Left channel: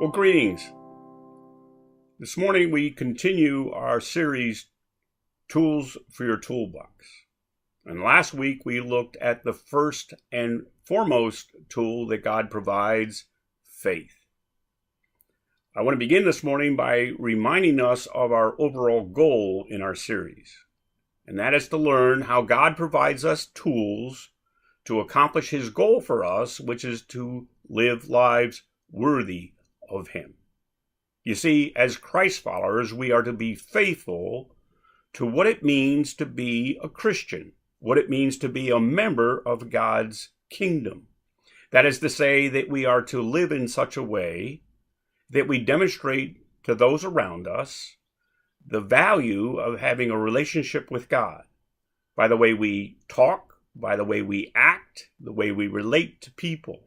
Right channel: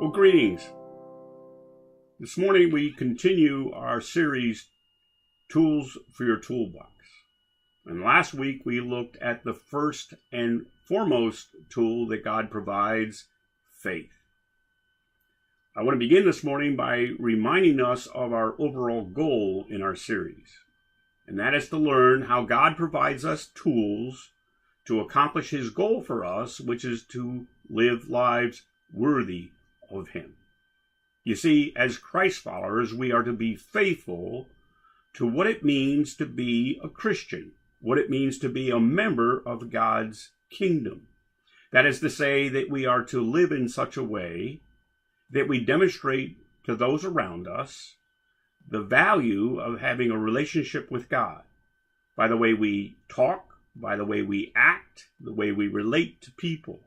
Well, greetings. This morning we continue our series, Tools for Your Toolbox. And last week we looked at the first and foremost tool that God provides, faith. I want to begin this morning by reminding us of our overall goal in our series. And that is to learn how God provides us tools to accomplish His goal for us, which is to live lives worthy of Him. You see, as Christ followers, we are to be faithful to what it means to be a Christian, what it means to be a member of God's kingdom. That is to say that we are to live in such a way that we demonstrate to those around us the value of having a relationship with God by the way we talk, by the way we act, the way we relate to people.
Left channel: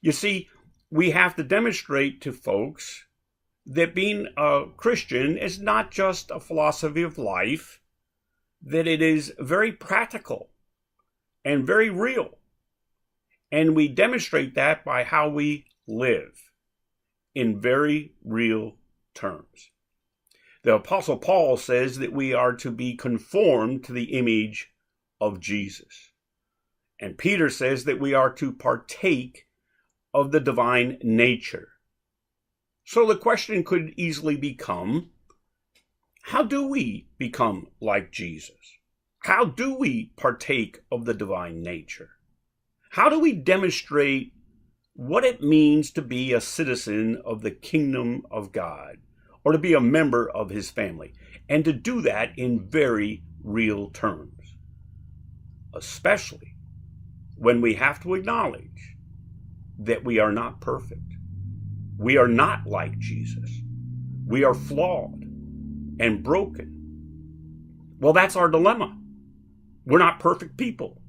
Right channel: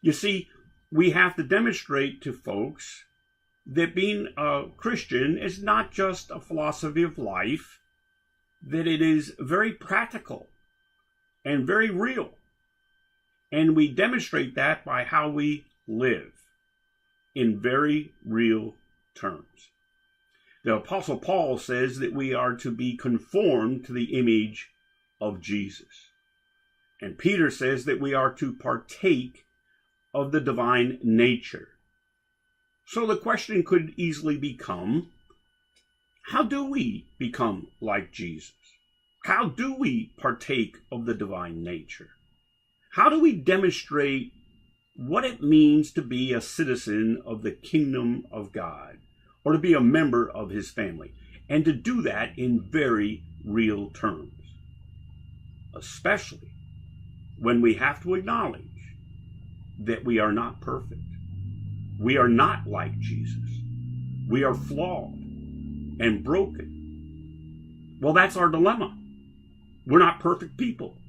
You see, we have to demonstrate to folks that being a Christian is not just a philosophy of life, that it is very practical and very real. And we demonstrate that by how we live in very real terms. The Apostle Paul says that we are to be conformed to the image of Jesus. And Peter says that we are to partake of the divine nature. So the question could easily become, how do we become like Jesus? How do we partake of the divine nature? How do we demonstrate what it means to be a citizen of the kingdom of God, or to be a member of His family, and to do that in very real terms, especially when we have to acknowledge that we are not perfect. We are not like Jesus. We are flawed and broken. Well, that's our dilemma. We're not perfect people.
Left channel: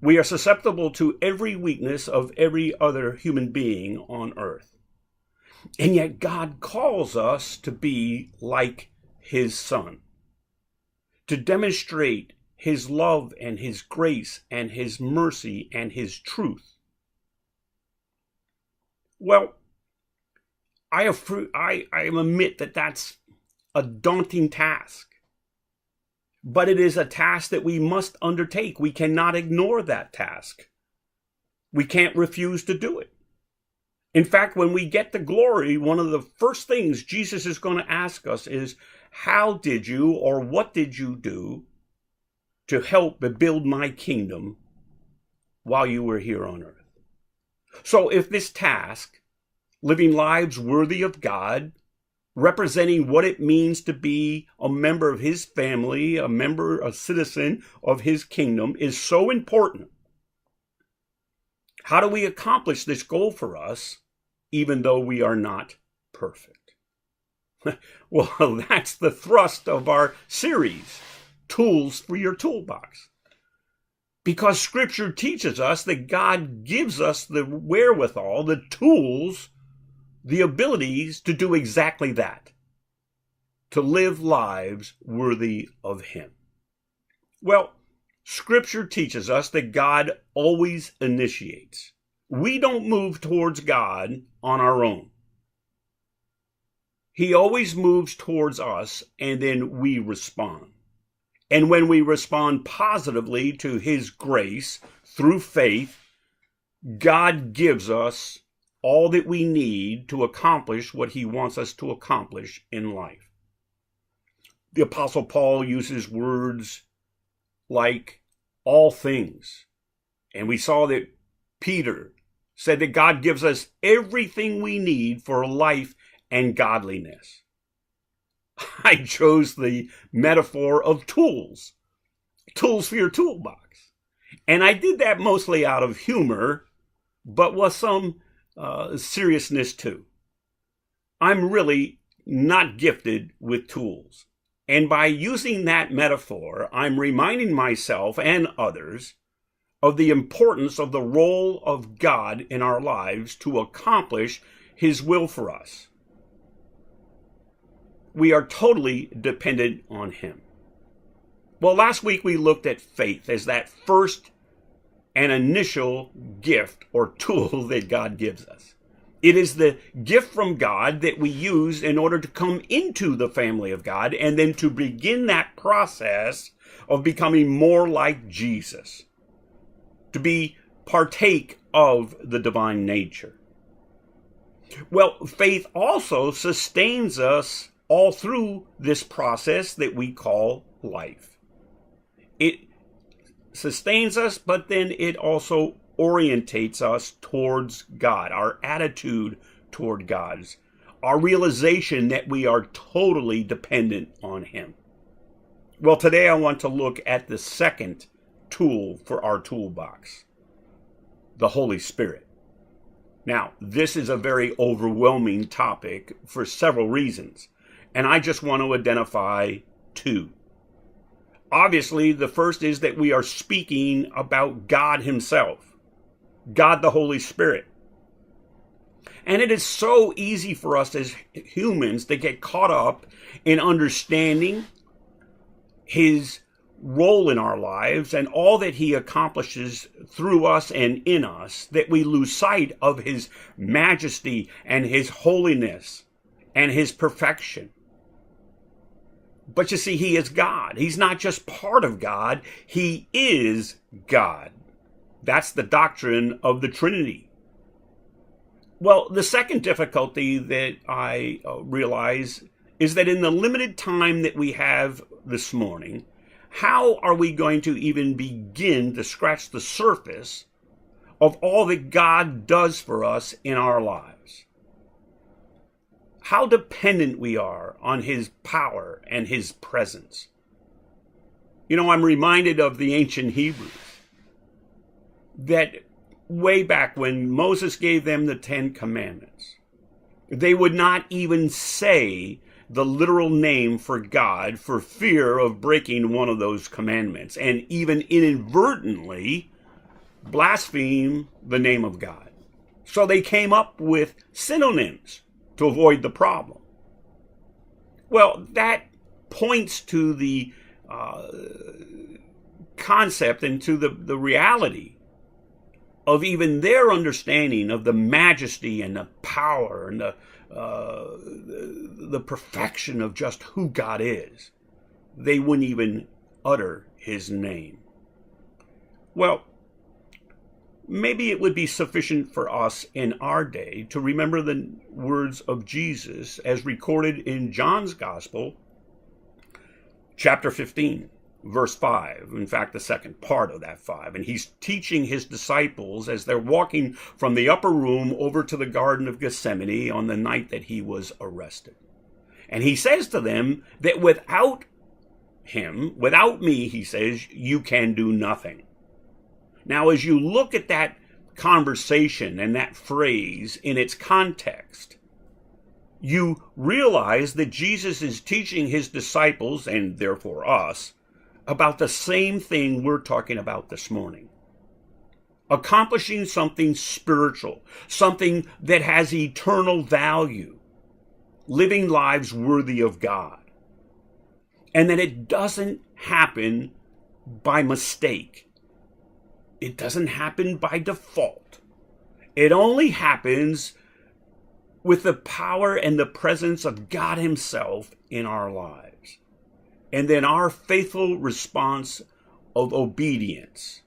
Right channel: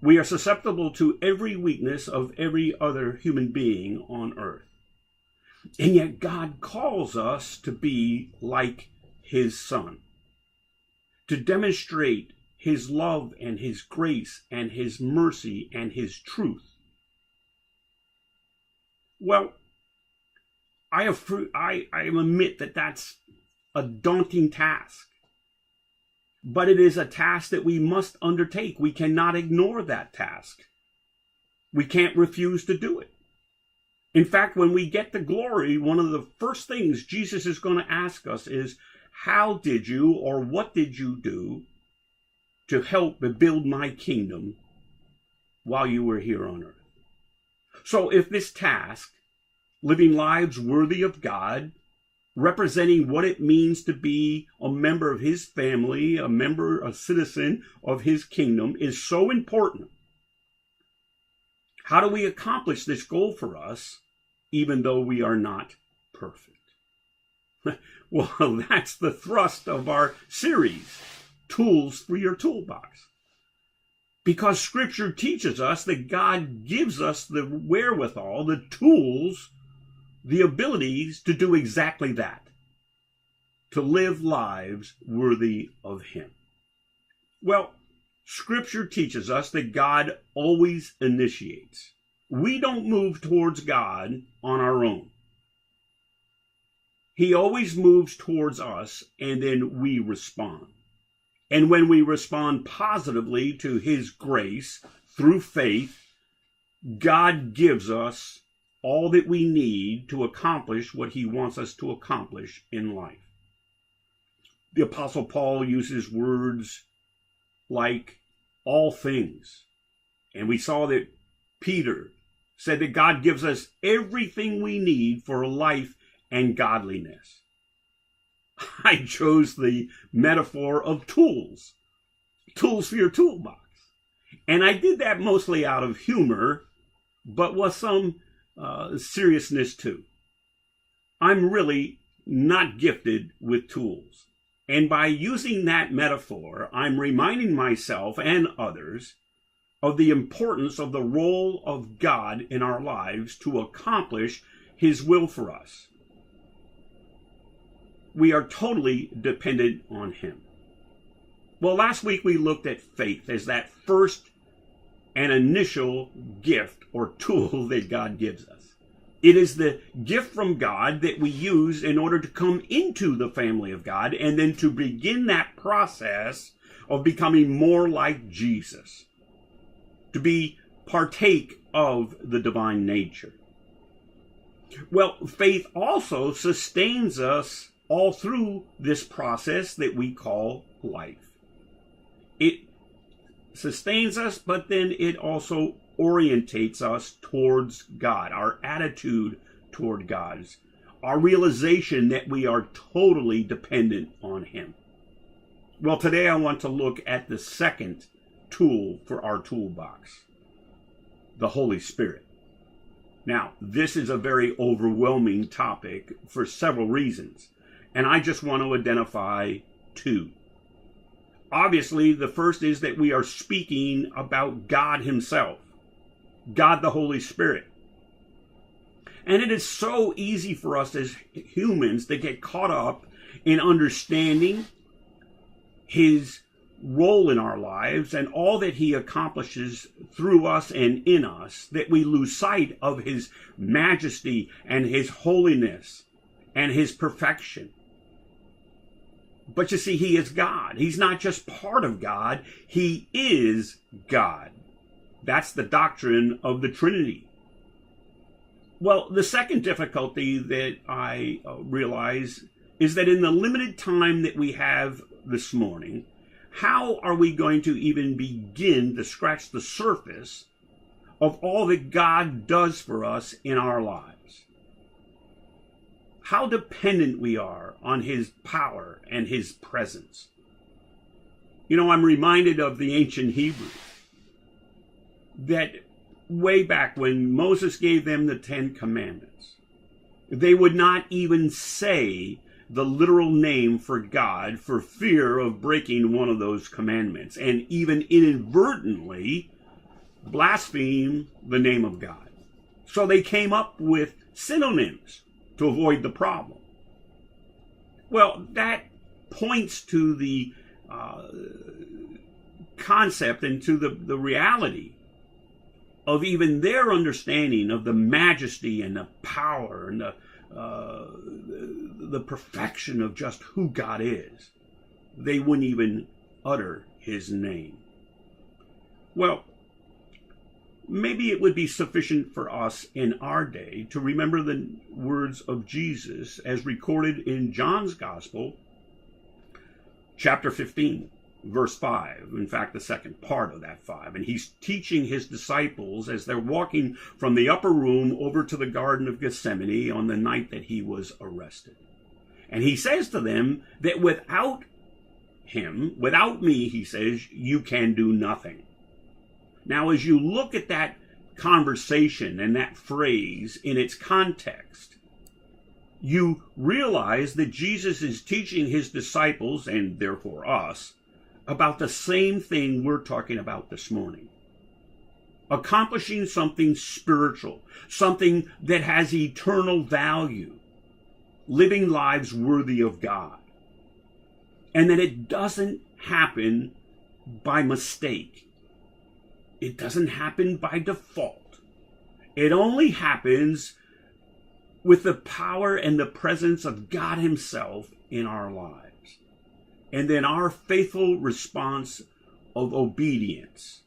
We are susceptible to every weakness of every other human being on earth. And yet God calls us to be like His Son, to demonstrate His love and His grace and His mercy and His truth. Well, I admit that that's a daunting task, but it is a task that we must undertake. We cannot ignore that task. We can't refuse to do it. In fact, when we get to glory, one of the first things Jesus is going to ask us is, how did you or what did you do to help build my kingdom while you were here on earth? So if this task, living lives worthy of God, representing what it means to be a member of His family, a citizen of His kingdom, is so important, how do we accomplish this goal for us, even though we are not perfect? Well, that's the thrust of our series, Tools for Your Toolbox. Because Scripture teaches us that God gives us the wherewithal, the tools, the abilities to do exactly that, to live lives worthy of Him. Well, Scripture teaches us that God always initiates. We don't move towards God on our own. He always moves towards us, and then we respond. And when we respond positively to His grace through faith, God gives us all that we need to accomplish what He wants us to accomplish in life. The Apostle Paul uses words like all things. And we saw that Peter said that God gives us everything we need for life and godliness. I chose the metaphor of tools for your toolbox. And I did that mostly out of humor, but with some seriousness too. I'm really not gifted with tools. And by using that metaphor, I'm reminding myself and others of the importance of the role of God in our lives to accomplish His will for us. We are totally dependent on Him. Well, last week we looked at faith as that first and initial gift or tool that God gives us. It is the gift from God that we use in order to come into the family of God and then to begin that process of becoming more like Jesus, to be partake of the divine nature. Well, faith also sustains us all through this process that we call life. It sustains us, but then it also orientates us towards God, our attitude toward God, our realization that we are totally dependent on Him. Well, today I want to look at the second tool for our toolbox, the Holy Spirit. Now, this is a very overwhelming topic for several reasons, and I just want to identify two. Obviously, the first is that we are speaking about God Himself, God the Holy Spirit. And it is so easy for us as humans to get caught up in understanding His role in our lives and all that He accomplishes through us and in us, that we lose sight of His majesty and His holiness and His perfection. But you see, He is God. He's not just part of God, He is God. That's the doctrine of the Trinity. Well, the second difficulty that I realize is that in the limited time that we have this morning, how are we going to even begin to scratch the surface of all that God does for us in our lives? How dependent we are on His power and His presence. You know, I'm reminded of the ancient Hebrews, that way back when Moses gave them the 10 Commandments, they would not even say the literal name for God for fear of breaking one of those commandments, and even inadvertently blaspheme the name of God. So they came up with synonyms to avoid the problem. Well, that points to the concept and to the reality of even their understanding of the majesty and the power and the perfection of just who God is. They wouldn't even utter His name. Well, maybe it would be sufficient for us in our day to remember the words of Jesus as recorded in John's Gospel, chapter 15. Verse 5, in fact, the second part of that 5. And He's teaching His disciples as they're walking from the upper room over to the Garden of Gethsemane on the night that He was arrested. And He says to them that without Him, without me, He says, you can do nothing. Now, as you look at that conversation and that phrase in its context, you realize that Jesus is teaching His disciples, and therefore us, about the same thing we're talking about this morning. Accomplishing something spiritual, something that has eternal value, living lives worthy of God. And that it doesn't happen by mistake. It doesn't happen by default. It only happens with the power and the presence of God Himself in our lives. And then our faithful response of obedience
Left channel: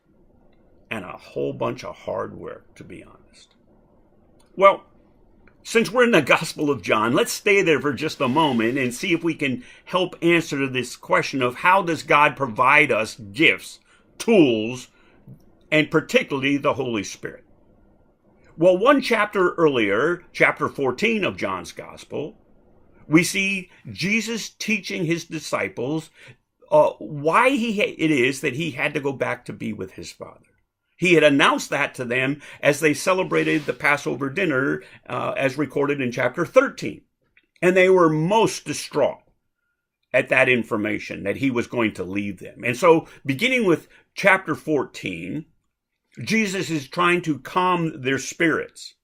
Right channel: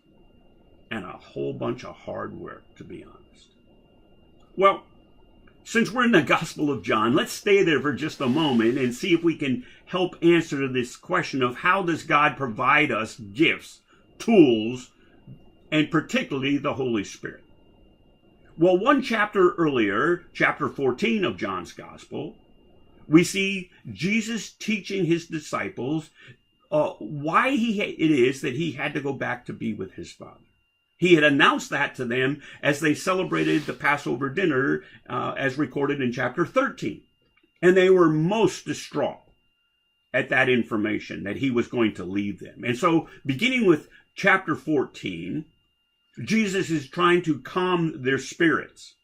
and a whole bunch of hard work, to be honest. Well, since we're in the Gospel of John, let's stay there for just a moment and see if we can help answer this question of how does God provide us gifts, tools, and particularly the Holy Spirit. Well, one chapter earlier, chapter 14 of John's Gospel, we see Jesus teaching His disciples why it is that He had to go back to be with His Father. He had announced that to them as they celebrated the Passover dinner, as recorded in chapter 13. And they were most distraught at that information that He was going to leave them. And so, beginning with chapter 14, Jesus is trying to calm their spirits.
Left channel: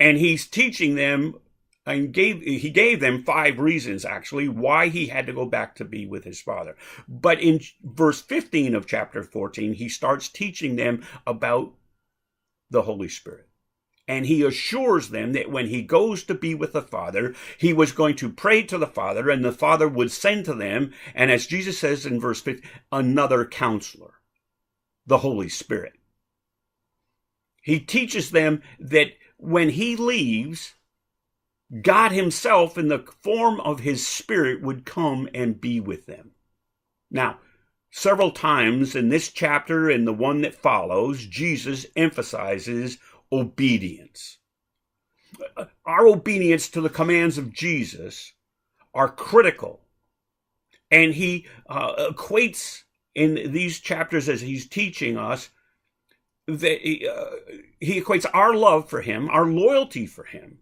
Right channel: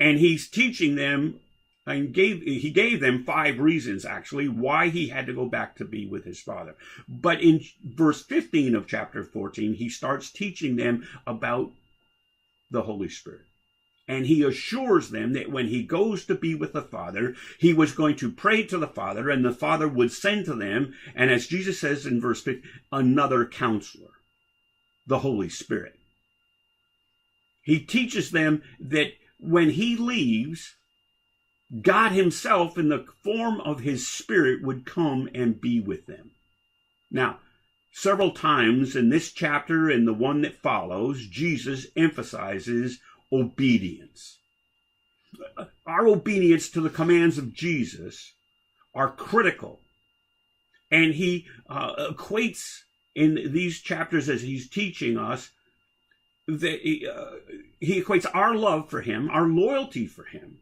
And He's teaching them, and he gave them 5 reasons, actually, why He had to go back to be with His Father. But in verse 15 of chapter 14, He starts teaching them about the Holy Spirit. And he assures them that when he goes to be with the Father, he was going to pray to the Father, and the Father would send to them, and as Jesus says in verse 50, another counselor, the Holy Spirit. He teaches them that when he leaves, God himself in the form of his Spirit would come and be with them. Now, several times in this chapter and the one that follows, Jesus emphasizes obedience. Our obedience to the commands of Jesus are critical. And he equates in these chapters as he's teaching us, that he equates our love for him, our loyalty for him,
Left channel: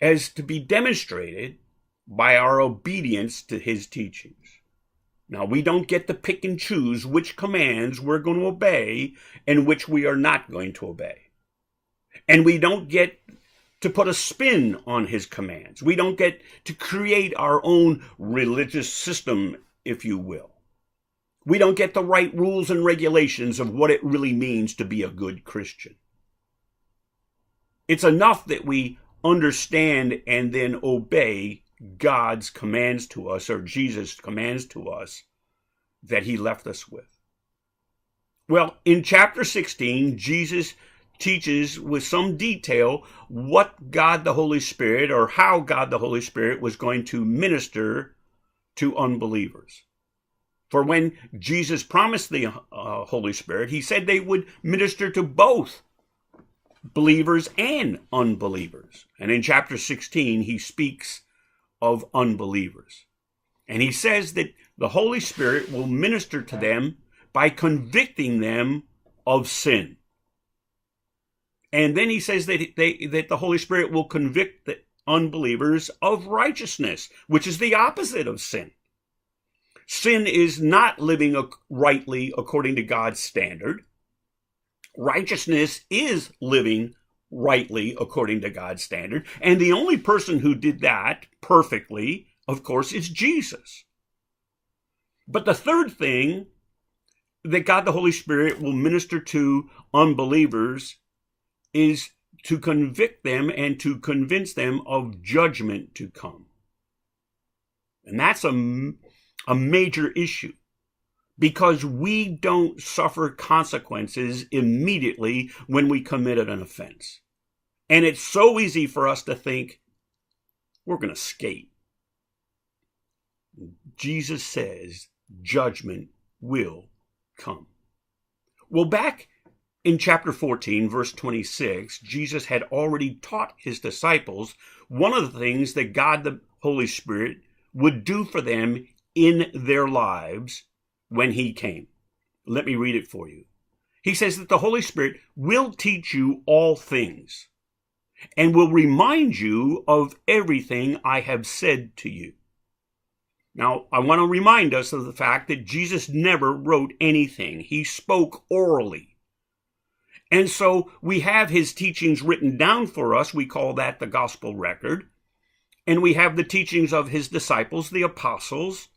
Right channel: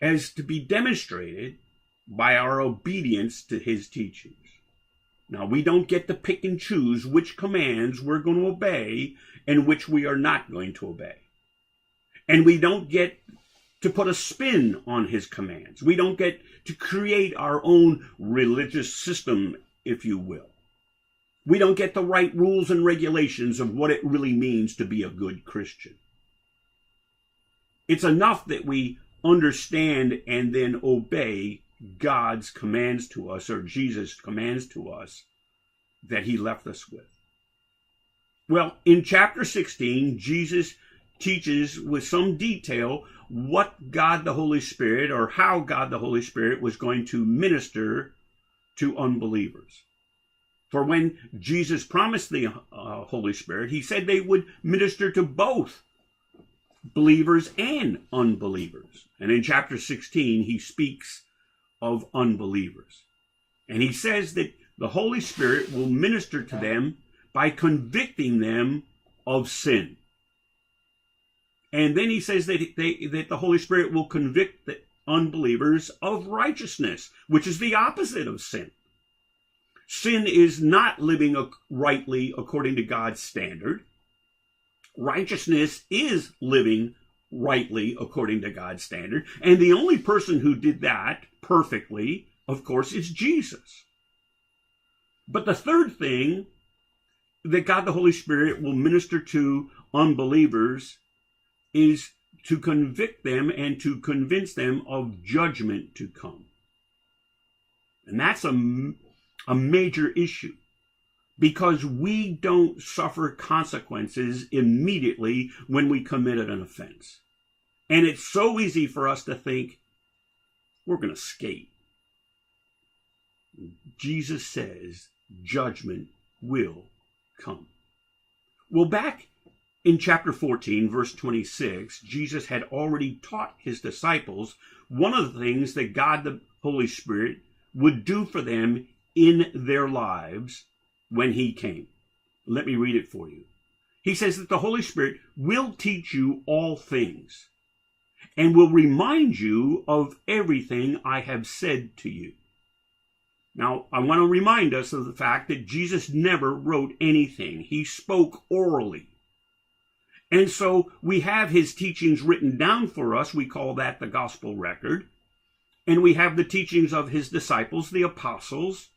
as to be demonstrated by our obedience to his teachings. Now, we don't get to pick and choose which commands we're going to obey and which we are not going to obey. And we don't get to put a spin on his commands. We don't get to create our own religious system, if you will. We don't get to write rules and regulations of what it really means to be a good Christian. It's enough that we understand and then obey God's commands to us, or Jesus' commands to us, that he left us with. Well, in chapter 16, Jesus teaches with some detail what God the Holy Spirit, or how God the Holy Spirit was going to minister to unbelievers. For when Jesus promised the Holy Spirit, he said they would minister to both believers and unbelievers. And in chapter 16, he speaks of unbelievers. And he says that the Holy Spirit will minister to them by convicting them of sin. And then he says that that the Holy Spirit will convict the unbelievers of righteousness, which is the opposite of sin. Sin is not living rightly according to God's standard. Righteousness is living rightly according to God's standard. And the only person who did that perfectly, of course, is Jesus. But the third thing that God the Holy Spirit will minister to unbelievers is to convict them and to convince them of judgment to come. And that's a major issue, because we don't suffer consequences immediately when we committed an offense. And it's so easy for us to think we're going to skate. Jesus says judgment will come. Well, back in chapter 14, verse 26, Jesus had already taught his disciples one of the things that God the Holy Spirit would do for them in their lives when he came. Let me read it for you. He says that the Holy Spirit will teach you all things and will remind you of everything I have said to you. Now, I want to remind us of the fact that Jesus never wrote anything. He spoke orally. And so we have his teachings written down for us. We call that the gospel record. And we have the teachings of his disciples, the apostles,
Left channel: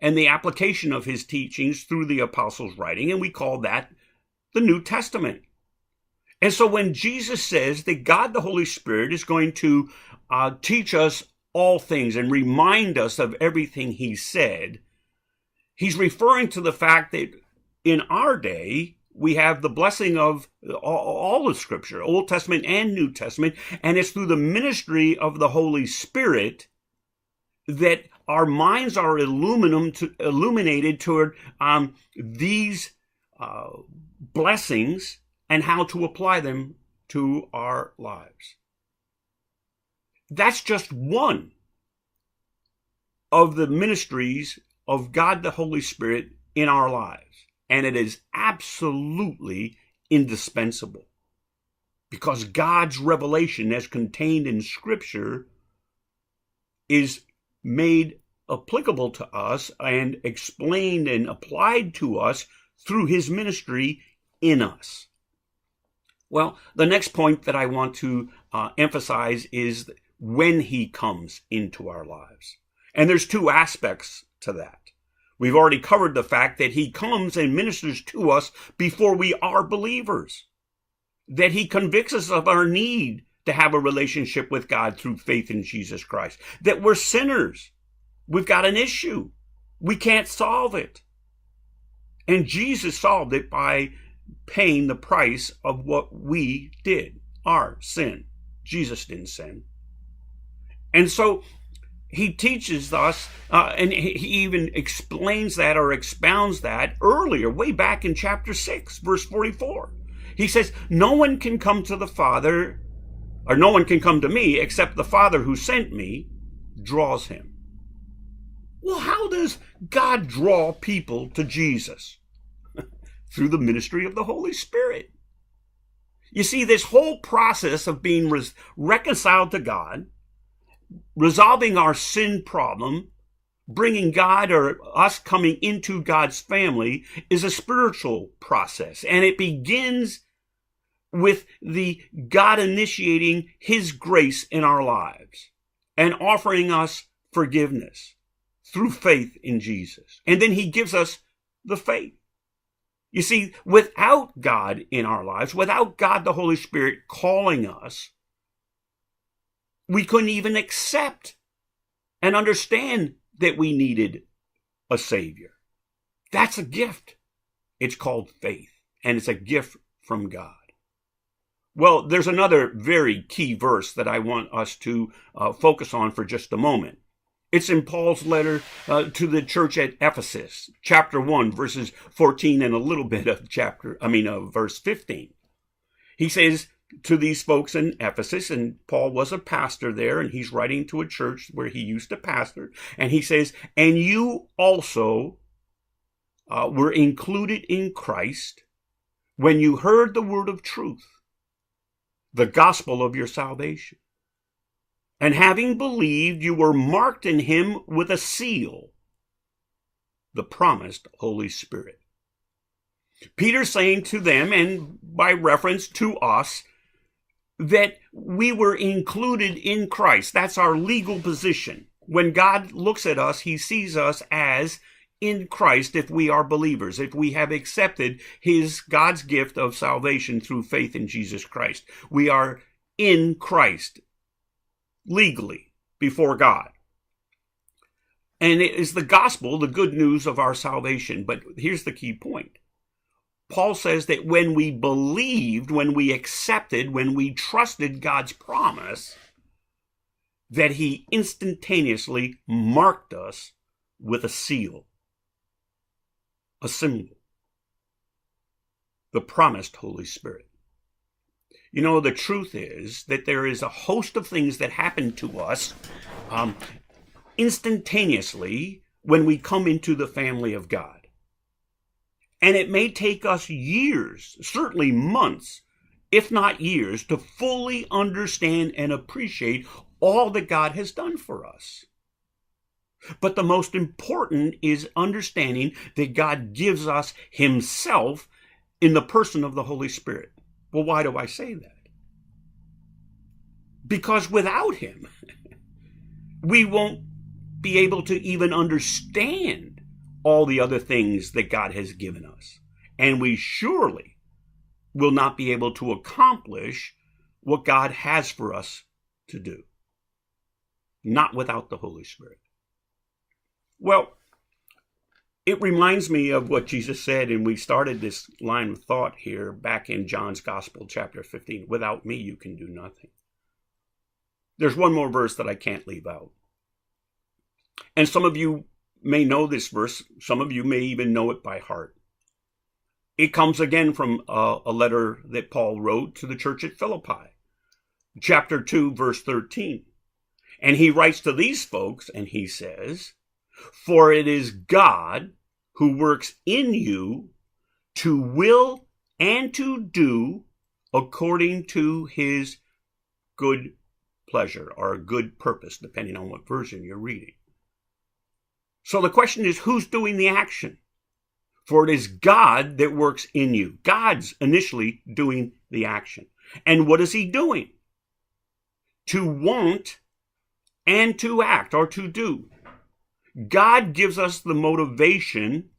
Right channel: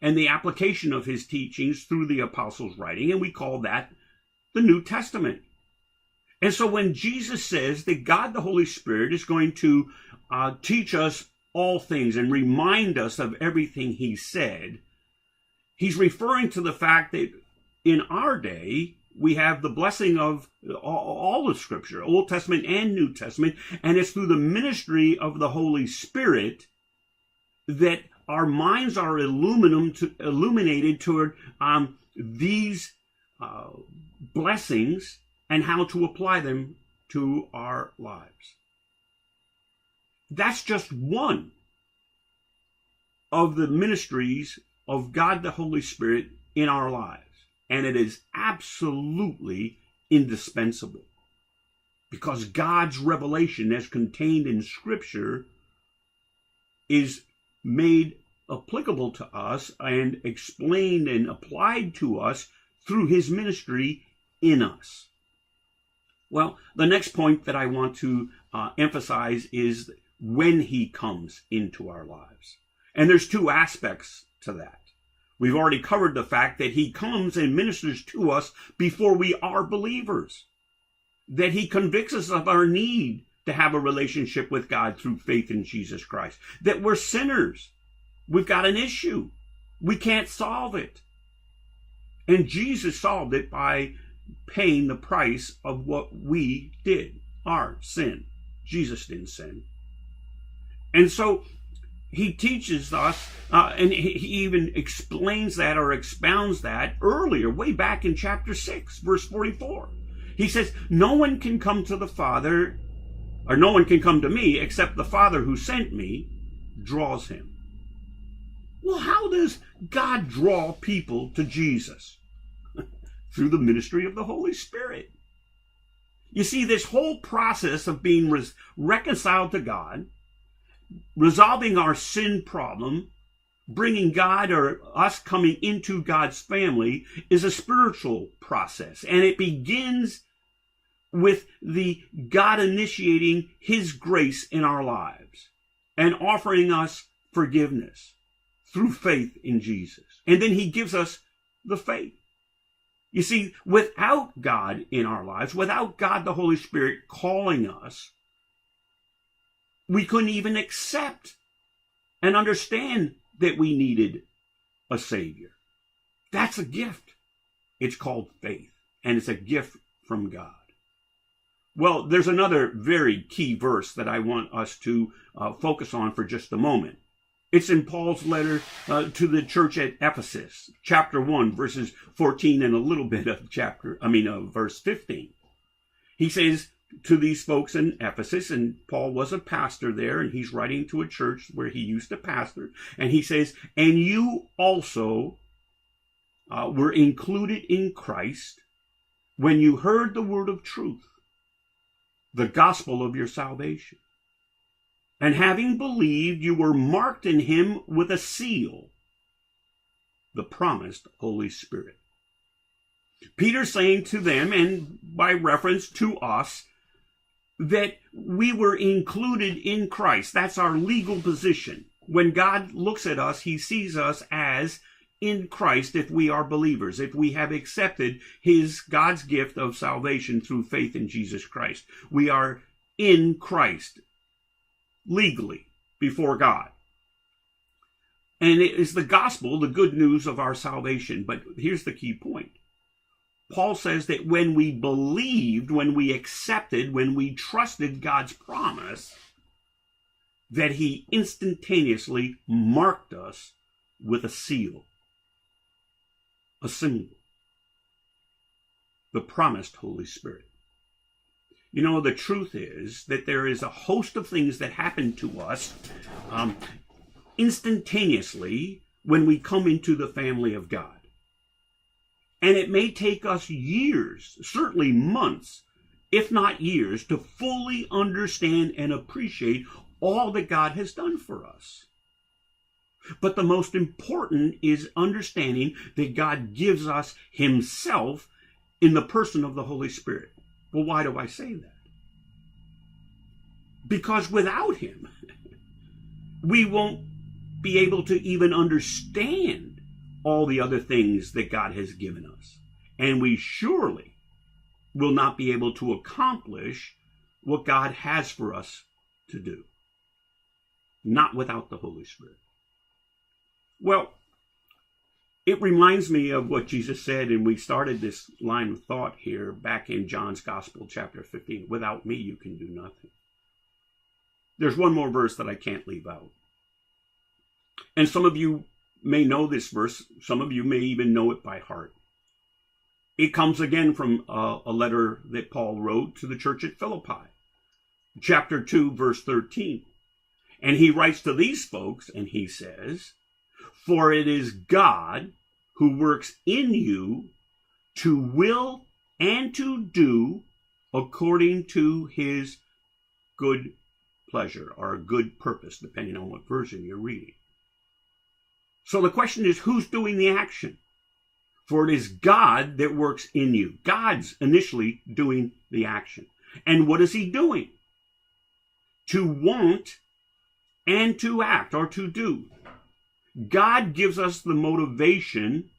and the application of his teachings through the apostles' writing. And we call that the New Testament. And so when Jesus says that God the Holy Spirit is going to teach us all things and remind us of everything he said, he's referring to the fact that in our day, we have the blessing of all of Scripture, Old Testament and New Testament, and it's through the ministry of the Holy Spirit that our minds are illuminated toward these blessings and how to apply them to our lives. That's just one of the ministries of God the Holy Spirit in our lives. And it is absolutely indispensable, because God's revelation as contained in Scripture is made applicable to us and explained and applied to us through his ministry in us. Well, the next point that I want to emphasize is when he comes into our lives. And there's two aspects to that. We've already covered the fact that he comes and ministers to us before we are believers. that he convicts us of our need to have a relationship with God through faith in Jesus Christ, that we're sinners. We've got an issue. We can't solve it. And Jesus solved it by paying the price of what we did, our sin. Jesus didn't sin. And so he teaches us, and he even explains that or expounds that earlier, way back in chapter 6, verse 44. He says, no one can come to the Father, or no one can come to me except the Father who sent me draws him. Well, how does God draw people to Jesus? Through the ministry of the Holy Spirit. You see, this whole process of being reconciled to God, resolving our sin problem, bringing God or us coming into God's family is a spiritual process. And it begins with the God initiating his grace in our lives and offering us forgiveness through faith in Jesus. And then he gives us the faith. You see, without God in our lives, without God the Holy Spirit calling us, we couldn't even accept and understand that we needed a Savior. That's a gift. It's called faith, and it's a gift from God. Well, there's another very key verse that I want us to focus on for just a moment. It's in Paul's letter to the church at Ephesus, chapter 1, verses 14 and a little bit of verse 15. He says to these folks in Ephesus, and Paul was a pastor there, and he's writing to a church where he used to pastor, and he says, and you also were included in Christ when you heard the word of truth, the gospel of your salvation. And having believed, you were marked in him with a seal, the promised Holy Spirit. Peter's saying to them, and by reference to us, that we were included in Christ. That's our legal position. When God looks at us, he sees us as in Christ if we are believers, if we have accepted God's gift of salvation through faith in Jesus Christ. We are in Christ. Legally before God. And it is the gospel, the good news of our salvation. But here's the key point. Paul says that when we believed, when we accepted, when we trusted God's promise, that he instantaneously marked us with a seal, a symbol, the promised Holy Spirit. You know, the truth is that there is a host of things that happen to us instantaneously when we come into the family of God. And it may take us years, certainly months, if not years, to fully understand and appreciate all that God has done for us. But the most important is understanding that God gives us himself in the person of the Holy Spirit. Well, why do I say that? Because without him, we won't be able to even understand all the other things that God has given us. And we surely will not be able to accomplish what God has for us to do. Not without the Holy Spirit. Well, it reminds me of what Jesus said, and we started this line of thought here back in John's Gospel, chapter 15. Without me, you can do nothing. There's one more verse that I can't leave out. And some of you may know this verse. Some of you may even know it by heart. It comes again from a letter that Paul wrote to the church at Philippi, chapter 2, verse 13. And he writes to these folks, and he says, for it is God who works in you to will and to do according to his good pleasure or good purpose, depending on what version you're reading. So the question is, who's doing the action? For it is God that works in you. God's initially doing the action. And what is he doing? To want and to act or to do. God gives us the motivation,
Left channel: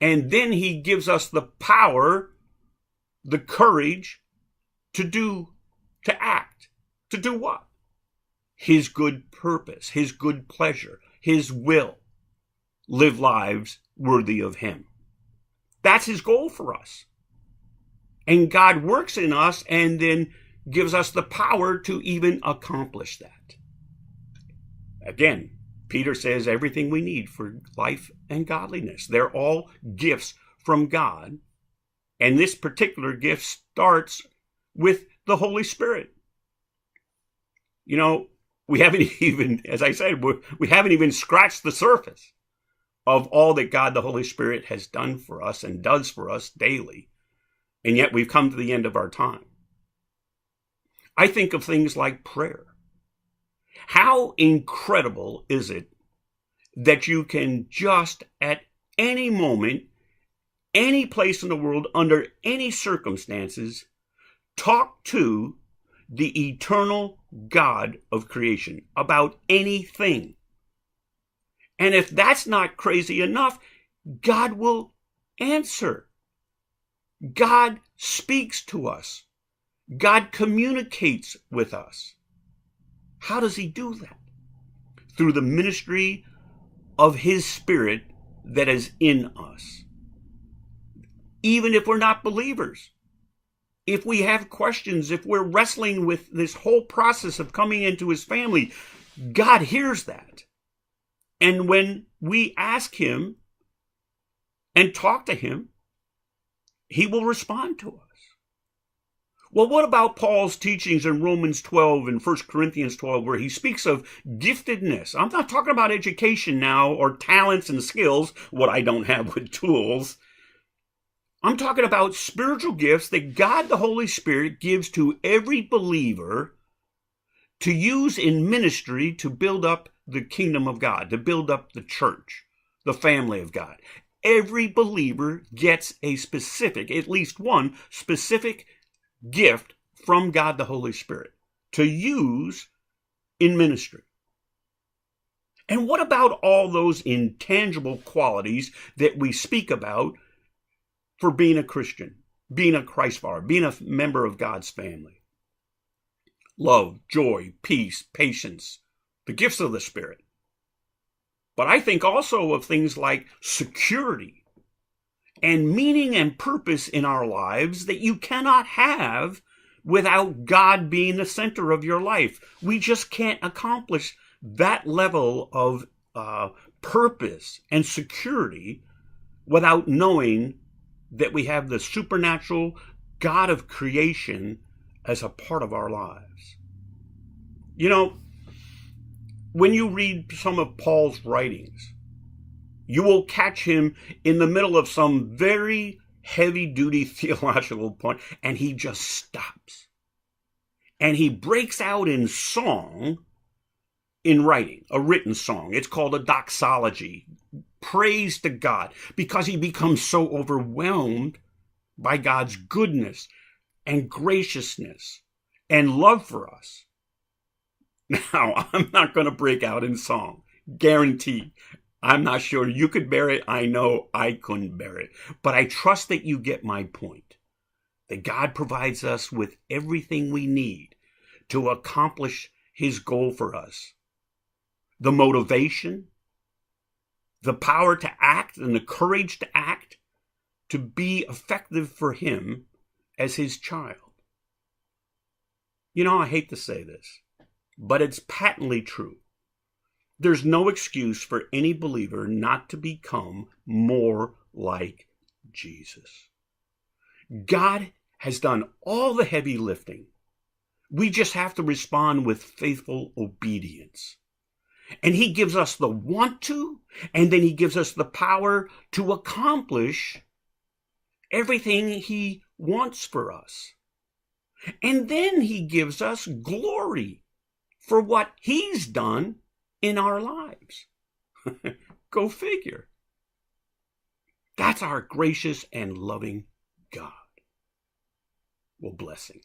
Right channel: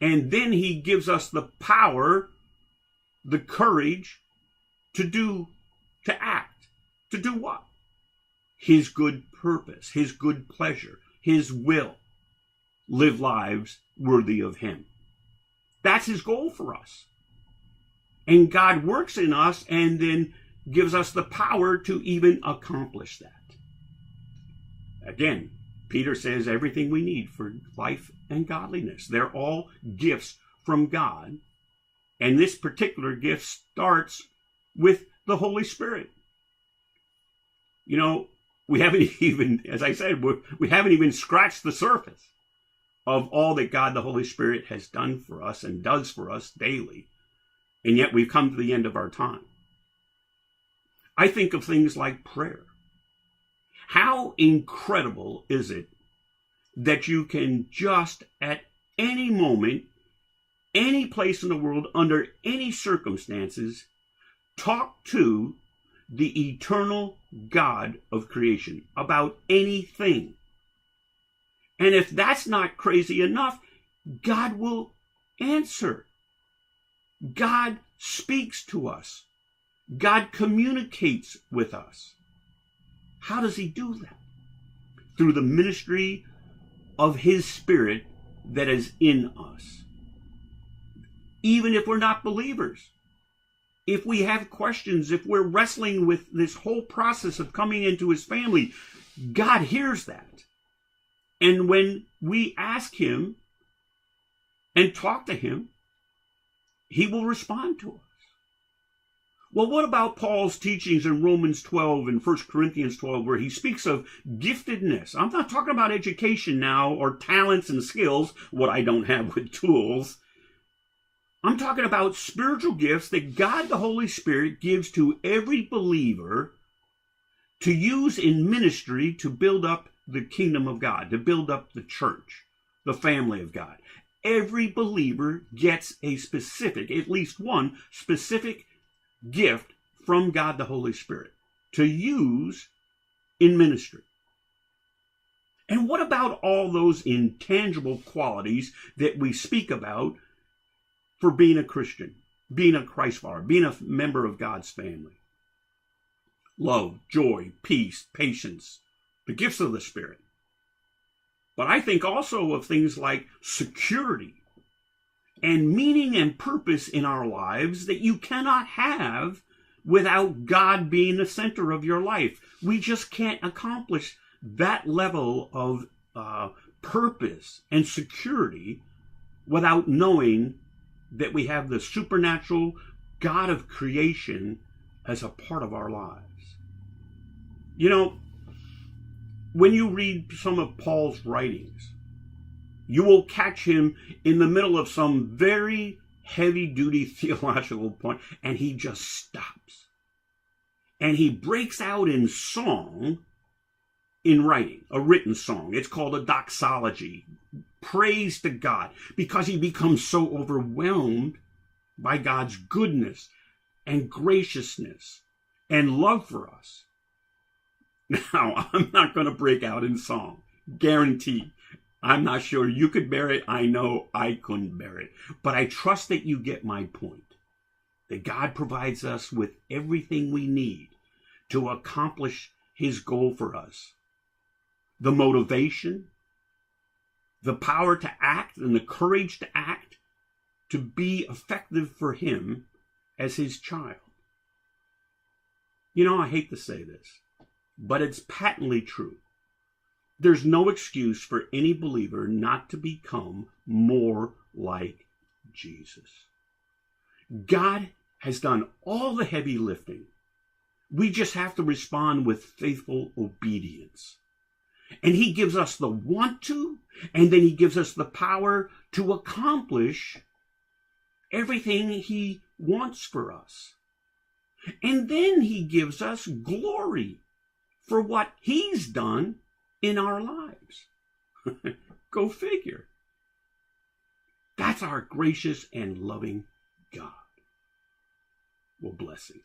and then he gives us the power, the courage, to act. To do what? His good purpose, his good pleasure, his will. Live lives worthy of him. That's his goal for us. And God works in us and then gives us the power to even accomplish that. Again, Peter says everything we need for life and godliness. They're all gifts from God. And this particular gift starts with the Holy Spirit. You know, we haven't even, as I said, we haven't even scratched the surface of all that God the Holy Spirit has done for us and does for us daily. And yet we've come to the end of our time. I think of things like prayer. How incredible is it that you can just at any moment, any place in the world, under any circumstances, talk to the eternal God of creation about anything. And if that's not crazy enough, God will answer. God speaks to us. God communicates with us. How does he do that? Through the ministry of his Spirit that is in us. Even if we're not believers, if we have questions, if we're wrestling with this whole process of coming into his family, God hears that. And when we ask him and talk to him, he will respond to us. Well, what about Paul's teachings in Romans 12 and 1 Corinthians 12, where he speaks of giftedness? I'm not talking about education now or talents and skills, what I don't have with tools. I'm talking about spiritual gifts that God the Holy Spirit gives to every believer to use in ministry to build up the kingdom of God, to build up the church, the family of God. Every believer gets a specific, at least one specific gift from God the Holy Spirit to use in ministry. And what about all those intangible qualities that we speak about for being a Christian, being a Christ follower, being a member of God's family? Love, joy, peace, patience, the gifts of the Spirit. But I think also of things like security and meaning and purpose in our lives that you cannot have without God being the center of your life. We just can't accomplish that level of purpose and security without knowing that we have the supernatural God of creation as a part of our lives. You know, when you read some of Paul's writings, you will catch him in the middle of some very heavy-duty theological point, and he just stops. And he breaks out in song in writing, a written song. It's called a doxology, praise to God, because he becomes so overwhelmed by God's goodness and graciousness and love for us. Now, I'm not going to break out in song, guaranteed. I'm not sure you could bear it. I know I couldn't bear it. But I trust that you get my point. That God provides us with everything we need to accomplish his goal for us. The motivation, the power to act, and the courage to act, to be effective for him as his child. You know, I hate to say this, but it's patently true. There's no excuse for any believer not to become more like Jesus. God has done all the heavy lifting. We just have to respond with faithful obedience. And he gives us the want to, and then he gives us the power to accomplish everything he wants for us. And then he gives us glory for what he's done in our lives. Go figure. That's our gracious and loving God. Well, blessings.